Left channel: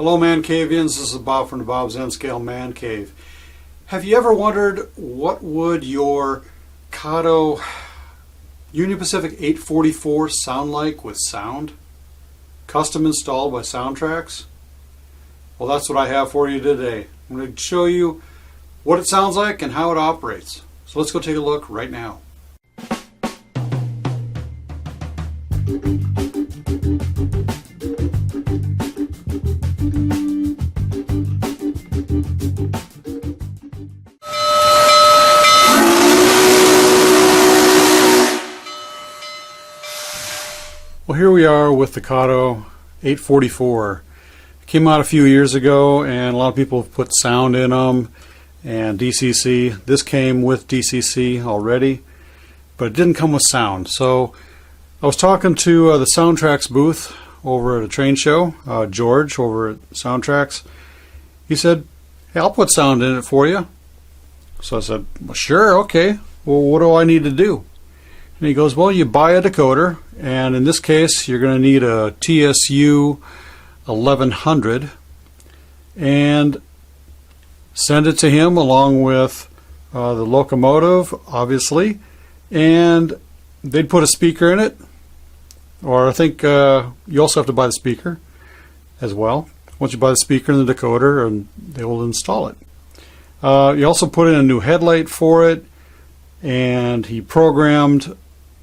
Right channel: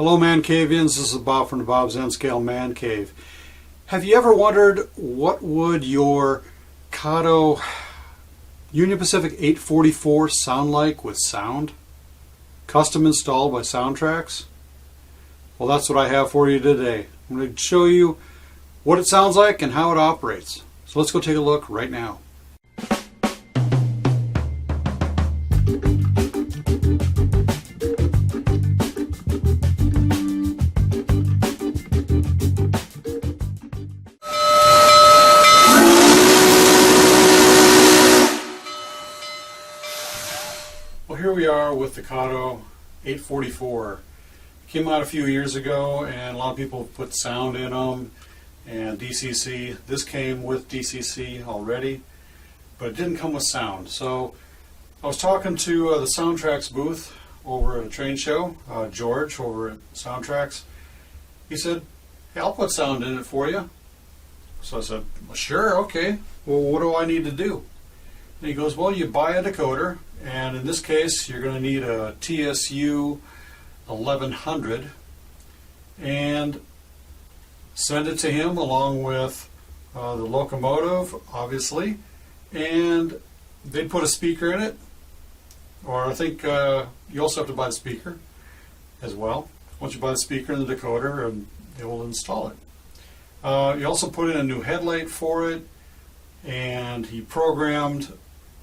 Hello ManCavians, this is Bob from DaBob's N-Scale ManCave. Have you ever wondered what would your Kato Union Pacific 844 sound like with sound? Custom installed by Soundtraxx? Well, that's what I have for you today. I'm going to show you what it sounds like and how it operates. So let's go take a look right now. Well, here we are with the Kato 844. It came out a few years ago and a lot of people have put sound in them and DCC. This came with DCC already, but it didn't come with sound. So I was talking to the Soundtraxx booth over at a train show, George over at Soundtraxx. He said, "Hey, I'll put sound in it for you." So I said, "Well, sure, okay. Well, what do I need to do?" And he goes, "Well, you buy a decoder, and in this case you're going to need a TSU 1100, and send it to him along with the locomotive, obviously, and they'd put a speaker in it, or I think you also have to buy the speaker as well. Once you buy the speaker and the decoder, and they will install it. You also put in a new headlight for it, and he programmed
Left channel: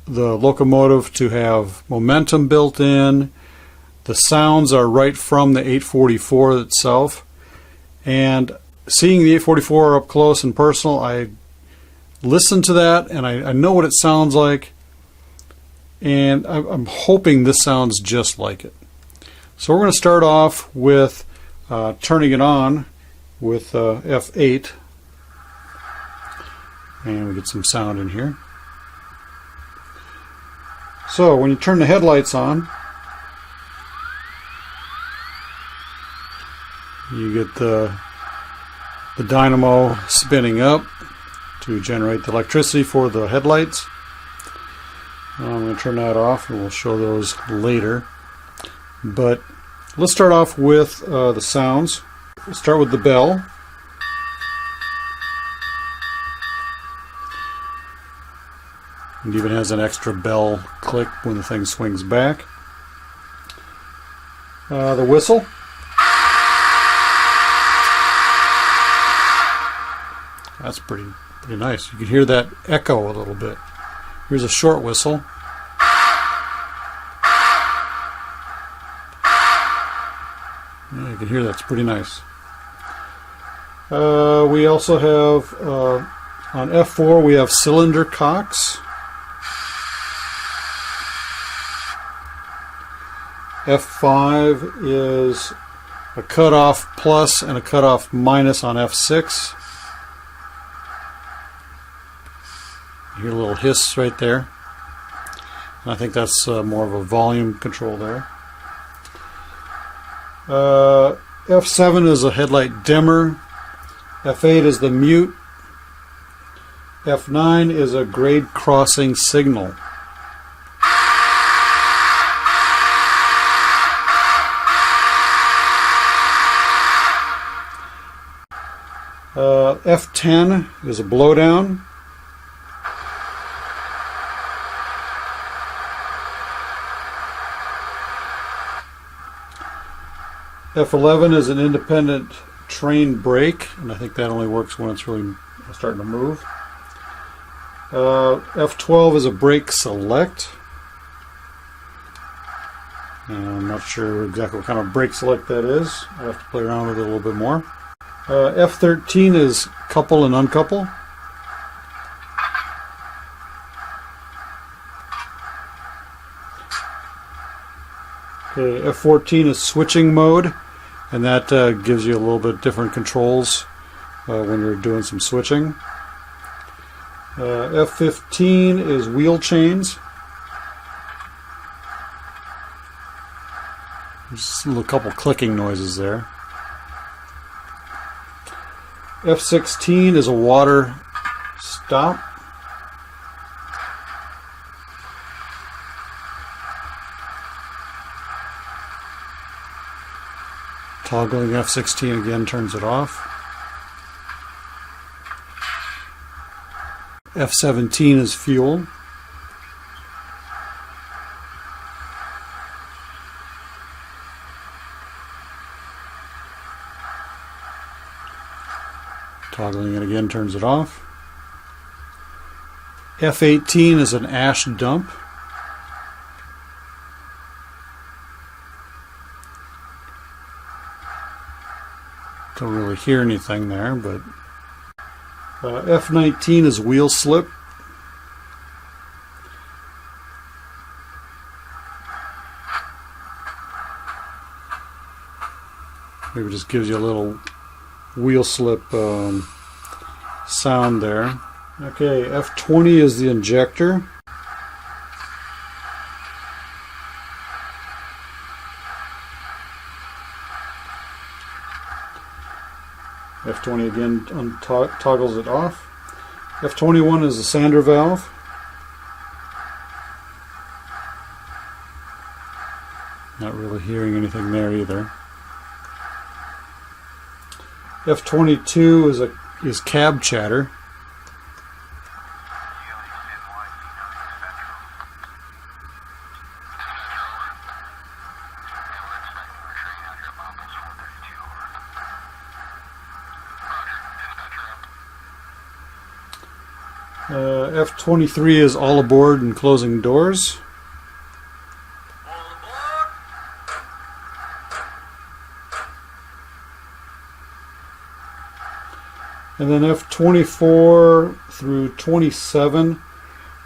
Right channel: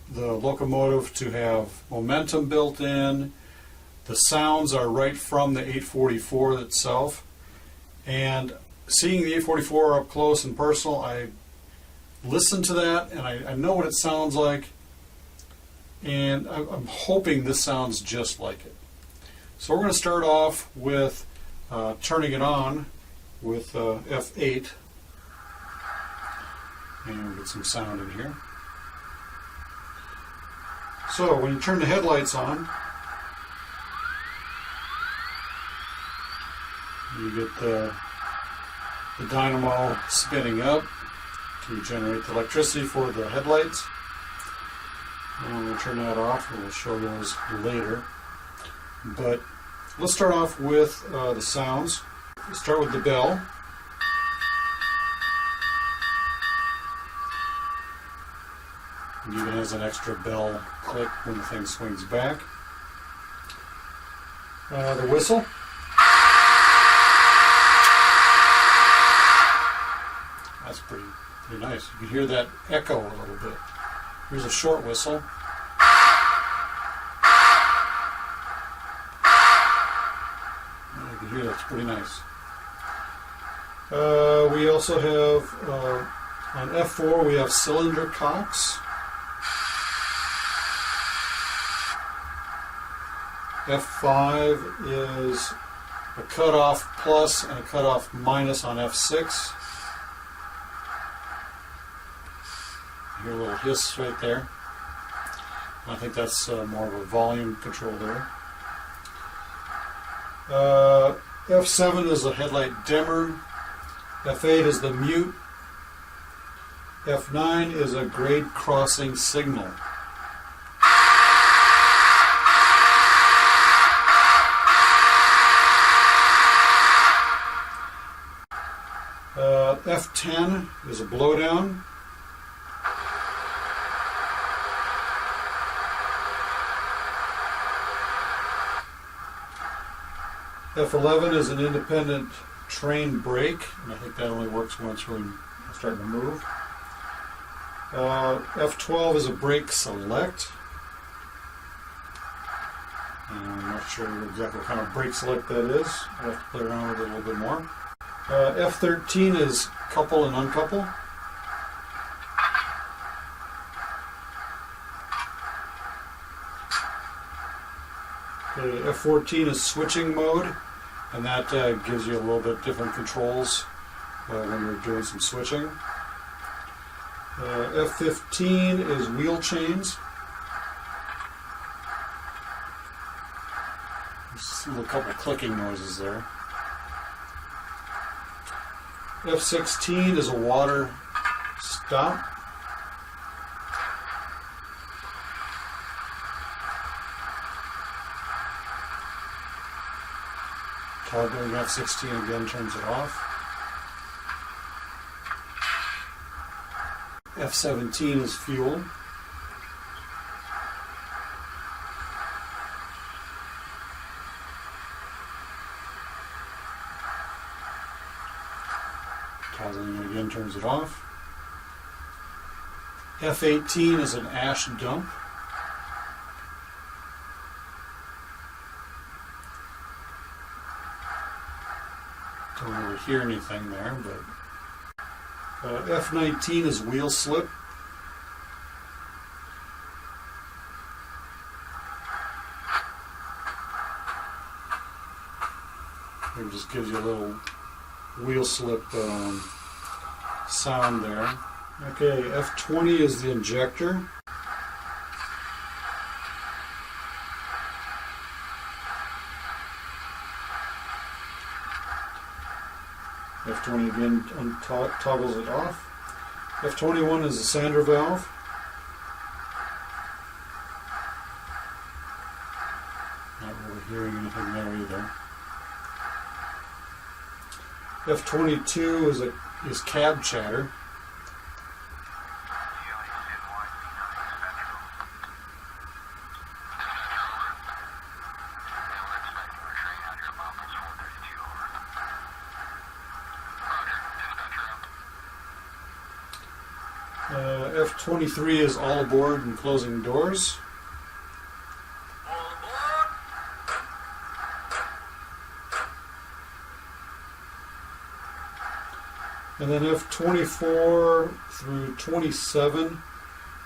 the locomotive to have momentum built in. The sounds are right from the 844 itself, and seeing the 844 up close and personal, I listened to that and I know what it sounds like, and I'm hoping this sounds just like it. So we're going to start off with turning it on with F8, and we get some sound in here. So when you turn the headlights on, you get the dynamo spinning up to generate the electricity for the headlights. I'm going to turn that off and we'll show those later. But let's start off with the sounds. We'll start with the bell. It even has an extra bell click when the thing swings back. The whistle. That's pretty nice. You can hear that echo a little bit. Here's a short whistle. Yeah, you can hear that's pretty nice. We also have on F4 we have cylinder cocks. F5 is a cutoff plus and a cutoff minus on F6. You hear a little hiss right there. And I think that's more of a volume control there. F7 is a headlight dimmer. F8 is the mute. F9 is a grade crossing signal. F10 is a blowdown. F11 is an independent train brake, and I think that only works when it's really starting to move. F12 is a brake select. I'm not sure exactly what kind of brake select that is. I have to play around with it a little bit more. F13 is couple and uncouple. F14 is switching mode, and that gives you a little bit different controls when you're doing some switching. F15 is wheel chains. Just a couple clicking noises there. F16 is a water stop. Toggling F16 again turns it off. F17 is fuel. Toggling it again turns it off. F18 is an ash dump. Don't really hear anything there, but F19 is wheel slip. Maybe just gives you a little wheel slip sound there. Okay, F20 is the injector. F20 again toggles it off. F21 is the sander valve. Not really hearing anything there either. F22 is cab chatter. F23 is all aboard and closing doors. And then F24 through 27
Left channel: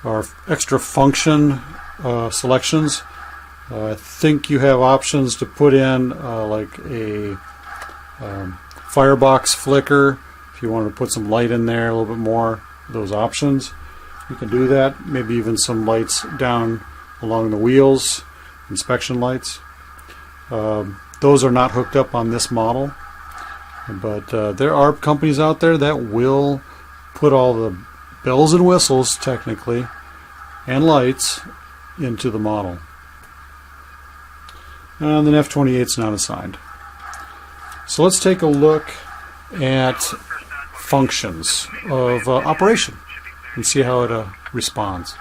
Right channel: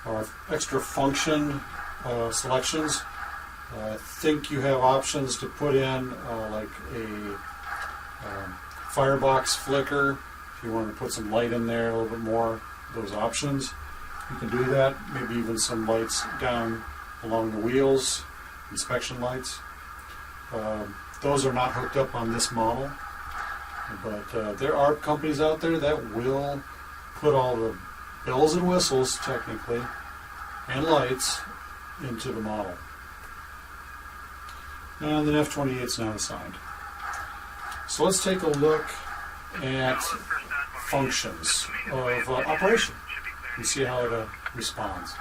are extra function selections. I think you have options to put in like a firebox flicker if you want to put some light in there, a little bit more. Those options, you can do that. Maybe even some lights down along the wheels, inspection lights. Those are not hooked up on this model, but there are companies out there that will put all the bells and whistles, technically, and lights into the model. And then F28 is not assigned. So let's take a look at functions of operation and see how it responds.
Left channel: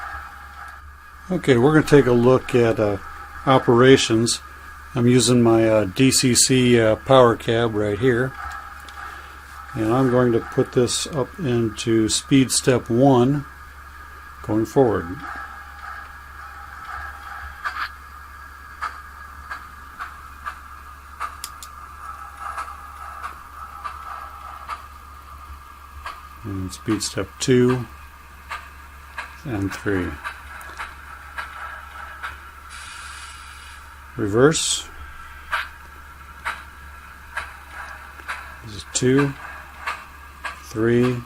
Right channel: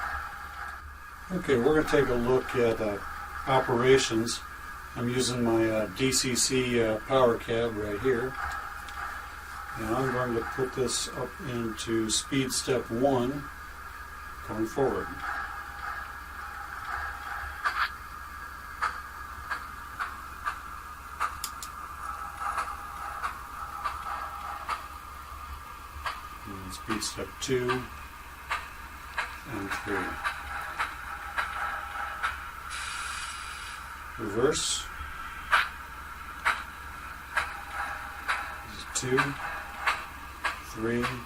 Okay, we're going to take a look at operations. I'm using my DCC power cab right here, and I'm going to put this up into speed step 1 going forward. And speed step 2 and 3. Reverse. This is 2, 3,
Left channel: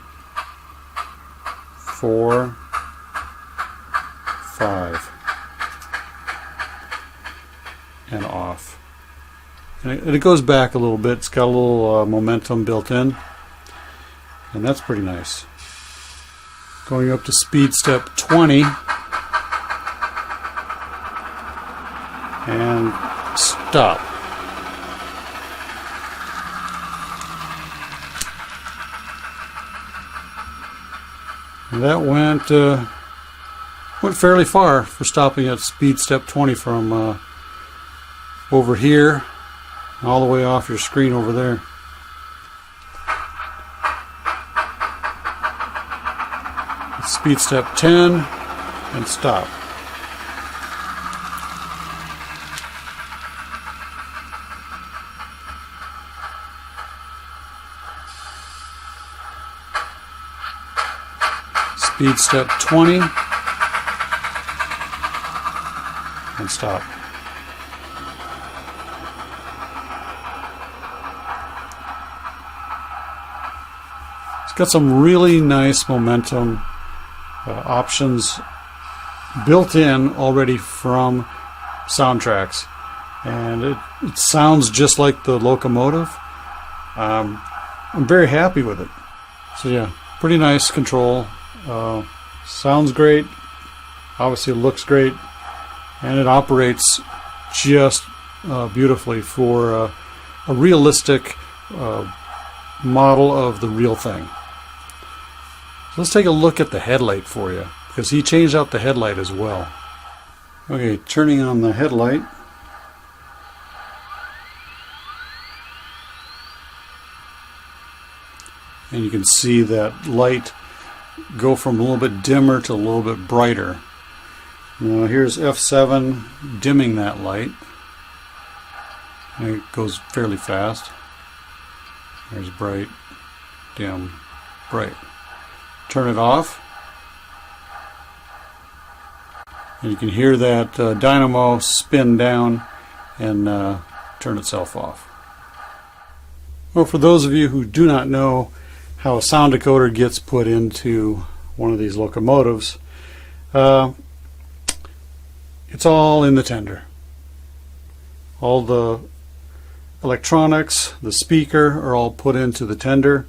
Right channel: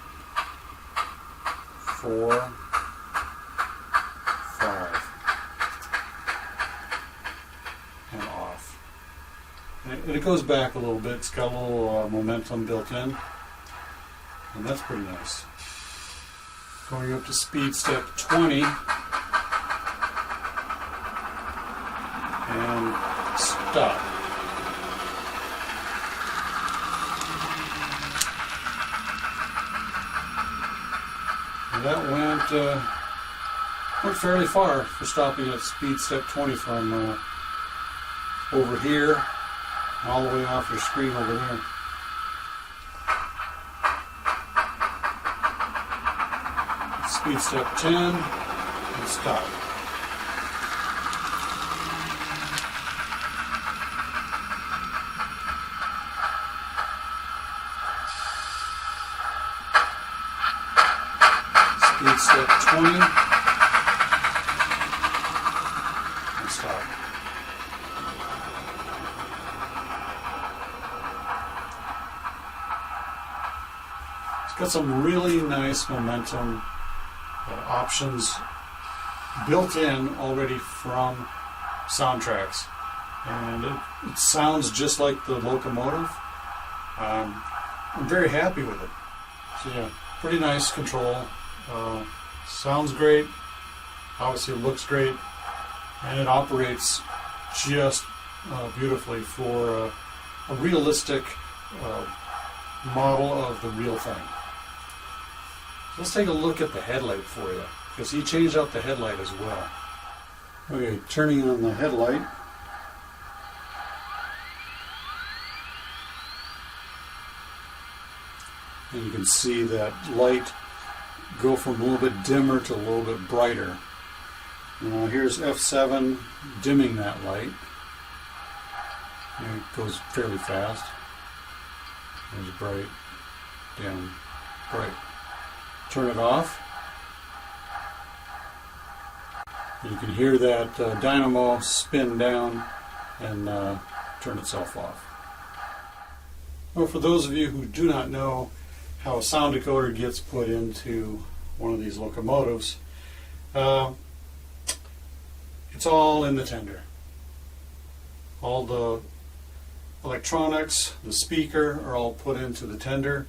4, 5, and off. And it goes back a little bit. It's got a little momentum built in. And that's pretty nice. Going up to speed step 20 and stop. And that went fairly far for stopping at speed step 20 from over here all the way off your screen over there. Speed step 10 and stop. Speed step 20 and stop. It's got some really nice momentum options built in already from Soundtraxx, and it sounds just like the locomotive. I'm very happy with it. So yeah, pretty nice control. Sounds great. Obviously it looks great, and it operates just beautifully for a realistic model of the real thing. So let's take a look at the headlight for you, because he changed out the headlight as well. Okay, turning on the headlight. And you can see that light go from a little bit dimmer to a little bit brighter. Now here's F7 dimming that light. And it goes fairly fast. There's bright, dim, bright. Turn it off. And you can hear that dynamo spin down and turn itself off. Well, for those of you who do not know how a sound decoder gets put into one of these locomotives, it's all in the tender. All the electronics, the speaker, are all put into the tender.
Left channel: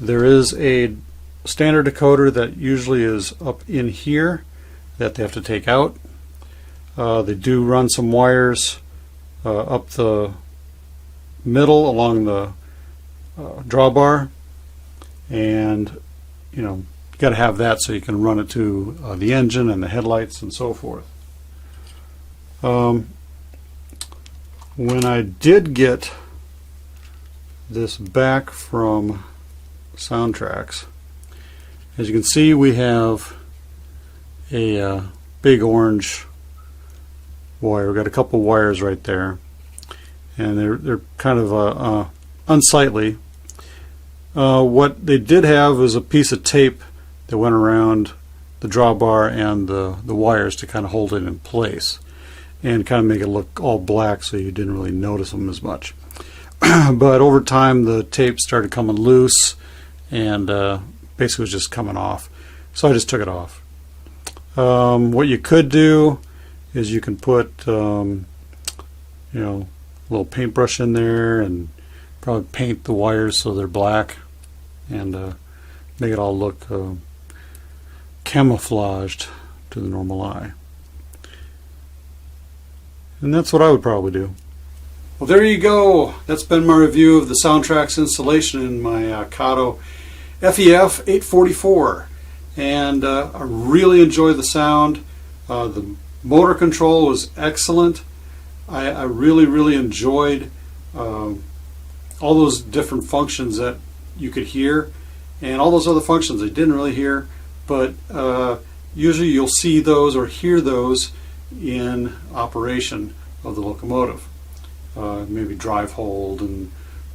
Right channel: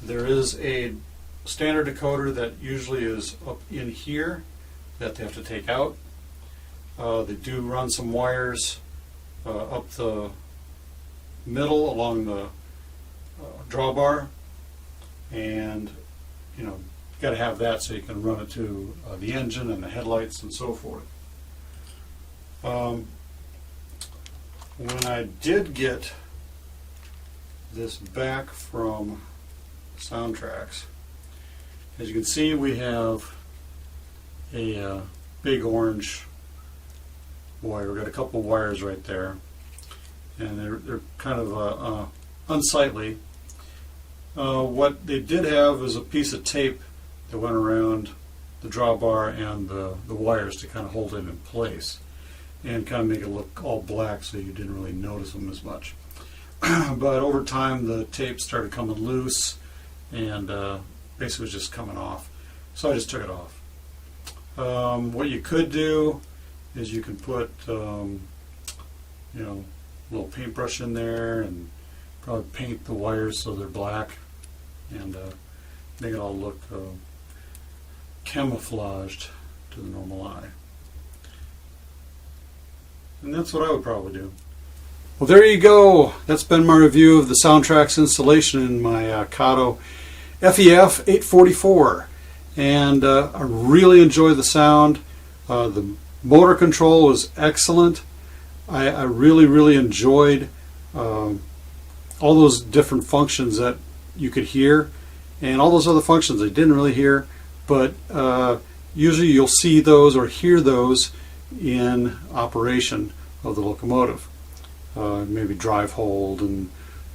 There is a standard decoder that usually is up in here that they have to take out. They do run some wires up the middle along the drawbar, and you know, you got to have that so you can run it to the engine and the headlights and so forth. When I did get this back from Soundtraxx, as you can see, we have a big orange wire. We've got a couple wires right there, and they're kind of unsightly. What they did have was a piece of tape that went around the drawbar and the wires to kind of hold it in place and kind of make it look all black so you didn't really notice them as much. But over time the tape started coming loose and basically was just coming off. So I just took it off. What you could do is you can put you know, a little paintbrush in there and probably paint the wires so they're black and make it all look camouflaged to the normal eye. And that's what I would probably do. Well, there you go. That's been my review of the Soundtraxx installation in my Kato FEF-3. And I really enjoyed the sound. The motor control was excellent. I really enjoyed all those different functions that you could hear, and all those other functions I didn't really hear, but usually you'll see those or hear those in operation of the locomotive. Maybe drive hold and,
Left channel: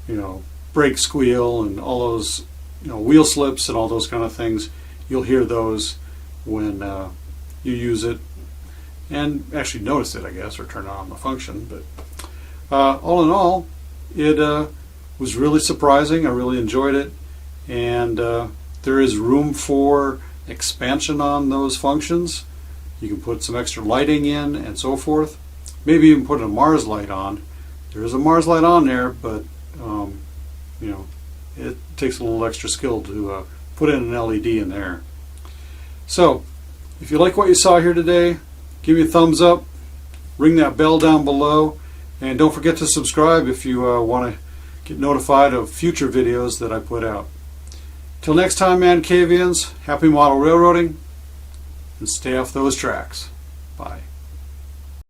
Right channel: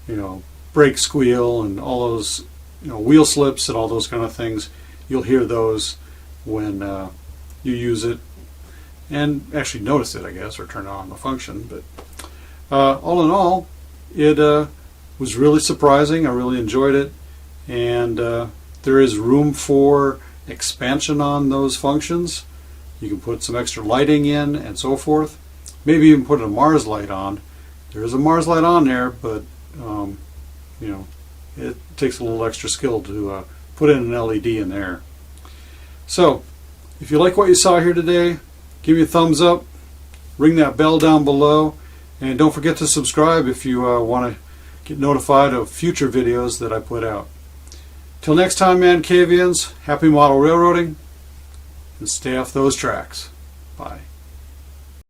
you know, brake squeal and all those, you know, wheel slips and all those kind of things. You'll hear those when you use it and actually notice it, I guess, or turn on the function. But all in all, it was really surprising. I really enjoyed it, and there is room for expansion on those functions. You can put some extra lighting in and so forth. Maybe even put a Mars light on. There is a Mars light on there, but you know, it takes a little extra skill to put in an LED in there. So if you like what you saw here today, give me a thumbs up, ring that bell down below, and don't forget to subscribe if you want to get notified of future videos that I put out. Till next time, ManCavians, happy model railroading, and stay off those tracks. Bye.